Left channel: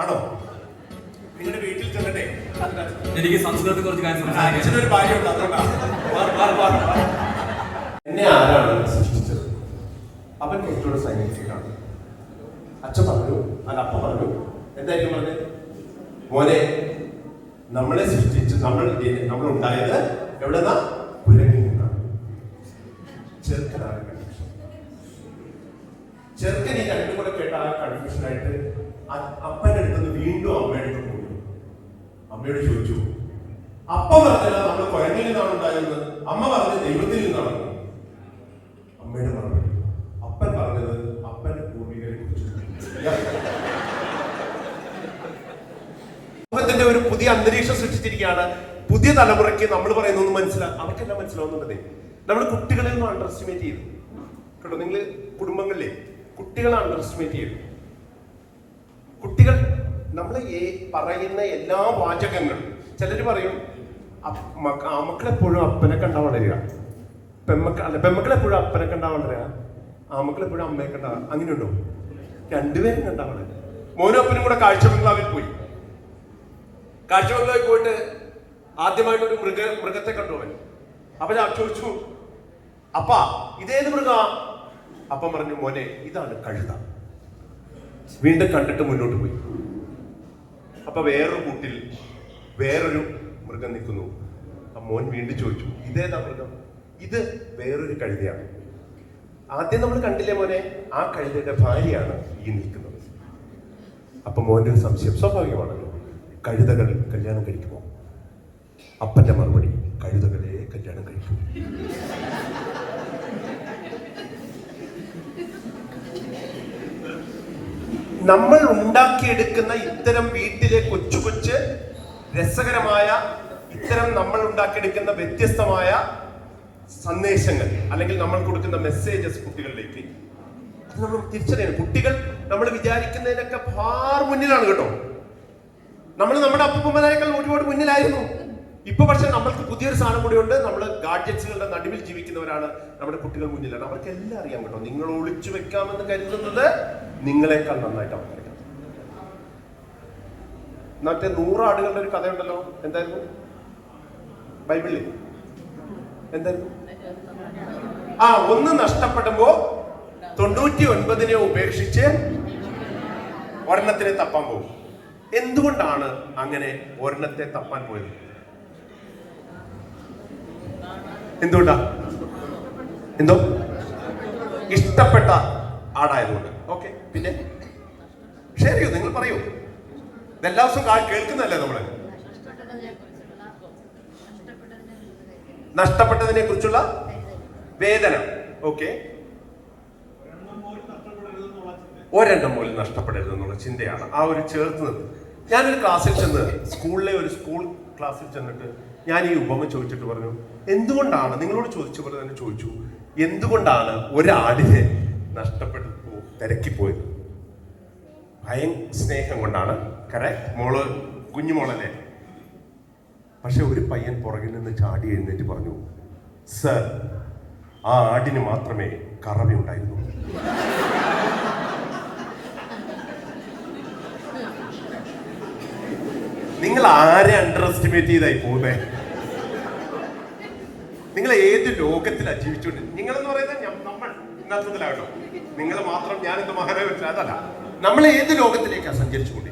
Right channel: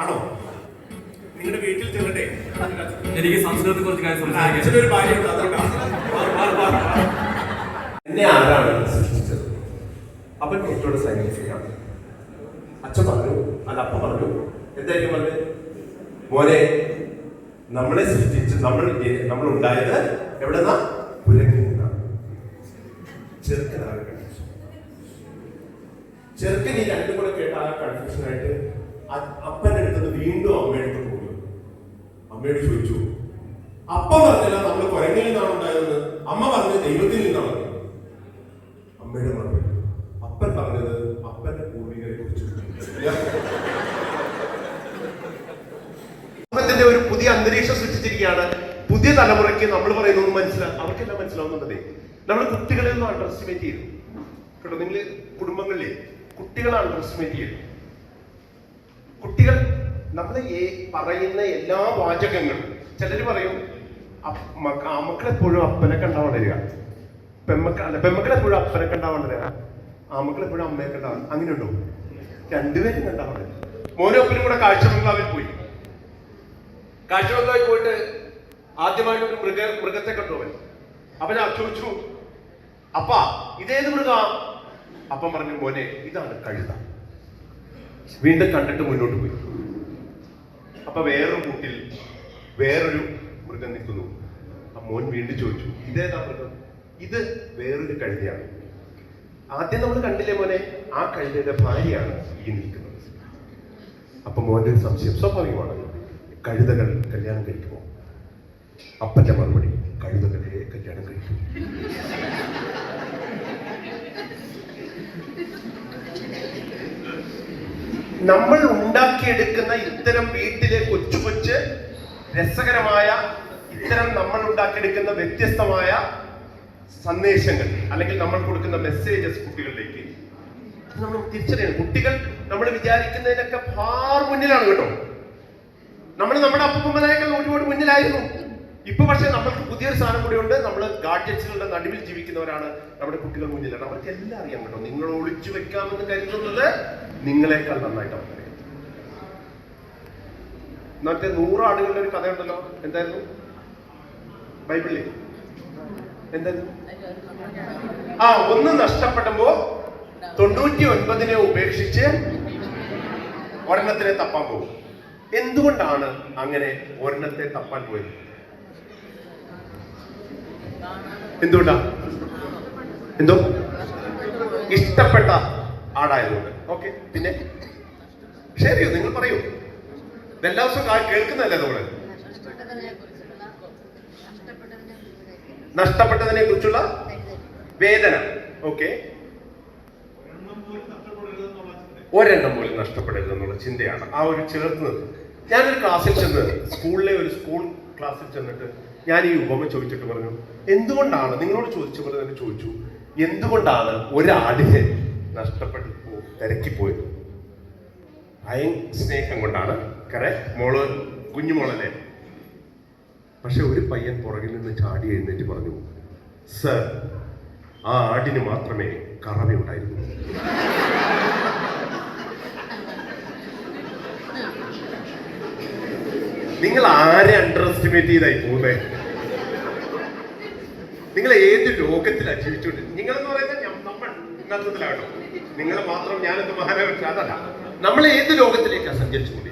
ആണോ? നിങ്ങളുടെ വീട്ടിൽ ചെല്ലട്ടെ? എനിക്ക് സംസ്കൃതത്തെ കുറച്ച് കാര്യം അച്ഛനൊരു ഭാര്യ ഉണ്ട്. എന്നെ ആരാണ് സൃഷ്ടിച്ചത്? അപ്പൻ കുട്ടിയോട് സയന്റിഫിക് അച്ഛൻ പറഞ്ഞു അല്ല അപ്പ പറഞ്ഞു എന്തായിരിക്കും പറഞ്ഞത് മോനെ നമ്മളെ സൃഷ്ടിച്ച് നമ്മൾ നമ്മൾ ഉണ്ടായത് എവിടെന്നാ? പുരങ്ങി ചെറുക്കനാകട്ടെ ചെറുക്കൻ ഈ രണ്ടും കൂടെ കേട്ട ആ കൺഫ്യൂഷൻ ആയിട്ട് അപ്പന്റെ അടുത്ത് വീണ്ടും അമ്മയുടെ അടുത്ത് പോയി. അമ്മയോട് ചോദിച്ചു അപ്പ പറഞ്ഞത് നമ്മൾ കുരങ്ങിൽ നിന്നാണ് ഉണ്ടായതെന്ന് അമ്മ പറഞ്ഞത് ദൈവത്തിൽ നിന്നാണ്. അമ്മയുടെ മറുപടി അപ്പൻ പറഞ്ഞത് അപ്പന്റെ പൂർവികരെ കുറിച്ച് സമൂഹത്തിന്റെ ഒരു പുതിയ അന്തരീക്ഷം സൃഷ്ടിച്ചിരിക്കുകയാണ്. പുതിയ തലമുറയ്ക്ക് നമ്മൾ പറയുന്നത് മനസ്സിലാക്കും അവർക്കെല്ലാം മനസ്സിലാവുന്നുണ്ടേ നമ്മൾ കുട്ടികളെ ഒന്നും അണ്ടർ എസ്റ്റിമേറ്റ് ചെയ്തു. കേട്ടോ നിങ്ങൾ കുടുംബങ്ങളിലെ കുട്ടികളെ അണ്ടർ എസ്റ്റിമേറ്റ് ചെയ്തു കുട്ടികൾ നമ്മൾ പറയുന്ന എല്ലാ വാചകങ്ങളും ചിലർ പറയും അപ്പ- മക്ക- ആമക്കളെപ്പോഴും അപ്പനെ കണ്ടാ വളരുക പെമ്മക്ക അല്ല പെമ്മക്കളെപ്പോഴും അപ്പനെ കണ്ടാ വളരുക ആമക്കളെപ്പോഴും അമ്മയെ കണ്ടാ അങ്ങനെയുണ്ടോ രണ്ടുപേരും കണ്ടാ വളരുക മോനും അപ്പനും കൂടെ കാഴ്ച ബംഗ്ലാവിൽ പോയി. കാഴ്ച ബംഗ്ലാവിൽ പോയിട്ട് ആദ്യമായിട്ട് ഒരു മൃഗ മൃഗത്തെ കണ്ടു അവൻ. അവൻ ആ ചോദിച്ചു അപ്പ ഇതേത് മൃഗ? അപ്പം പറഞ്ഞു മോനെ ഇതാണ് കഴുത. വീണ്ടും കണ്ടിട്ട് മുന്നോട്ട് പോയി. അപ്പൊ വേറൊരു കൂട്ടിൽ വേറൊരു മൃഗം നിൽക്കുന്നു. മോൻ വീണ്ടും ചോദിച്ചു ഇതേതാ മൃഗം? ഇത് വേറൊരു കഴുതയാണ്. ആദ്യം നമ്മൾ കണ്ടില്ലേ മോനെ ആ കഴുതയുടെ ഭാര്യയാണ് ഈ നിൽക്കുന്നത്. അപ്പൊ മോന്റെ ഒരു സംശയം സ്വാഭാവികമാണ്. കഴുതകൾ കല്യാണം കഴിക്കുമോ? അപ്പന്റെ മറുപടി കഴുതകളെ കല്യാണം കഴിക്കും. നമ്മൾ ഉണ്ടാക്കിയെടുക്കുന്ന ഇത്തരം വീട്ടിലെ കൊച്ചു കൊച്ച് രസകരമായ ഇത്തരം നമ്മൾ ഉണ്ടാക്കിയെടുക്കുന്ന വ്യത്യസ്തമായ സന്ദേശങ്ങൾ അല്ലെങ്കിൽ നമ്മൾ കൊടുക്കുന്ന മെസ്സേജസ് കുട്ടികളിലേക്ക്. നമ്മൾ തിരിച്ചറിയണം. കുട്ടികൾ നമ്മൾ വിചാരിക്കുന്നതിനൊക്കെ ഫാർ മുന്നിലാണ് കേട്ടോ. നമ്മൾ നമ്മുടെ അപ്പൂപ്പന്മാരെക്കാൾ ഒരുപാട് മുന്നിലായിരുന്നു. ഇപ്പൊ പക്ഷെ നമ്മൾക്ക് പുതിയൊരു സാധനം കൂടി ഉണ്ട്. നമ്മൾ ഗാഡ്ജറ്റ്സുകളുടെ നടുവിൽ ജീവിക്കുന്നവരാണ് നമ്മുടെ കുട്ടികൾ മുന്നിലാണ്. അവർക്ക് എല്ലാം അറിയാൻ കേട്ടോ. നിങ്ങൾ ഒളിച്ചു വെക്കാമെന്ന് കരുതുന്നത് നിങ്ങളെക്കാൾ നന്നായിട്ട് അറിയാം മറ്റേ നൂറ് ആടുകളുടെ ഒരു കഥയുണ്ടല്ലോ. എന്തായിരുന്നു? ബൈബിളിൽ. എന്തായിരുന്നു? ആ ഒന്ന് നഷ്ടപ്പെടുമ്പോ തൊണ്ണൂറ്റി ഒൻപതിനെ ഉപേക്ഷിച്ച് ഒരെണ്ണത്തിനെ തപ്പാൻ പോകും. എന്തുകൊണ്ടാണ് അങ്ങനെ ഒരെണ്ണത്തെ തപ്പാൻ പോയത്? എന്തുകൊണ്ടാ? എന്തോ? ഇഷ്ടപ്പെട്ട ആടായതുകൊണ്ട്. പിന്നെ ശരിയോ നിങ്ങൾ പറയൂ. എല്ലാ ദിവസവും കേൾക്കുന്നതല്ലേ നമ്മൾ? നഷ്ടപ്പെട്ടതിനെ കുറിച്ചുള്ള വേദന. ഓക്കെ ഒരെണ്ണം പോലും നഷ്ടപ്പെടരുതെന്നുള്ള ചിന്തയാണ് ആ ഒരു ചേർത്തത്. ഞാനൊരു ക്ലാസ്സിൽ ചെന്ന് സ്കൂളിലെ ഒരു സ്കൂൾ ക്ലാസ്സിൽ ചെന്നിട്ട് ഞാൻ ഈ ഉപമ ചോദിച്ചിട്ട് പറഞ്ഞു എന്തുകൊണ്ടാണ്? നിങ്ങളോട് ചോദിച്ച പോലെ തന്നെ ചോദിച്ചു എന്തുകൊണ്ടാണ് ഒരാടിനെ നഷ്ടപ്പെട്ടു പോ- അയൻ സ്നേഹം കൊണ്ടാണ് കര മോൾ കുഞ്ഞുമോളല്ലേ പക്ഷെ ഒരു പയ്യൻ പുറകിൽ നിന്ന് ചാടി എഴുന്നേറ്റ് പറഞ്ഞു സർ ആ ആടിന് മാത്രമേ കറവയുണ്ടായിരുന്നു നിങ്ങൾ ആരെ അണ്ടർ എസ്റ്റിമേറ്റ് ചെയ്തായി പോകുന്നത് നിങ്ങൾ ഏത് ലോകത്തിലാണ് ജീവിച്ചുകൊണ്ട് നിങ്ങൾ എന്ന് പറയുന്നത് നമ്മൾ ഇന്നത്തത്തിലാകണം നിങ്ങൾ മാത്രം ഞാനെന്ത് മഹാനഗരം അതല്ല. നമ്മൾ ഏത് ലോകത്തിലേക്കാണ് സഞ്ചരിച്ചുകൊണ്ടിരിക്കുന്നത്?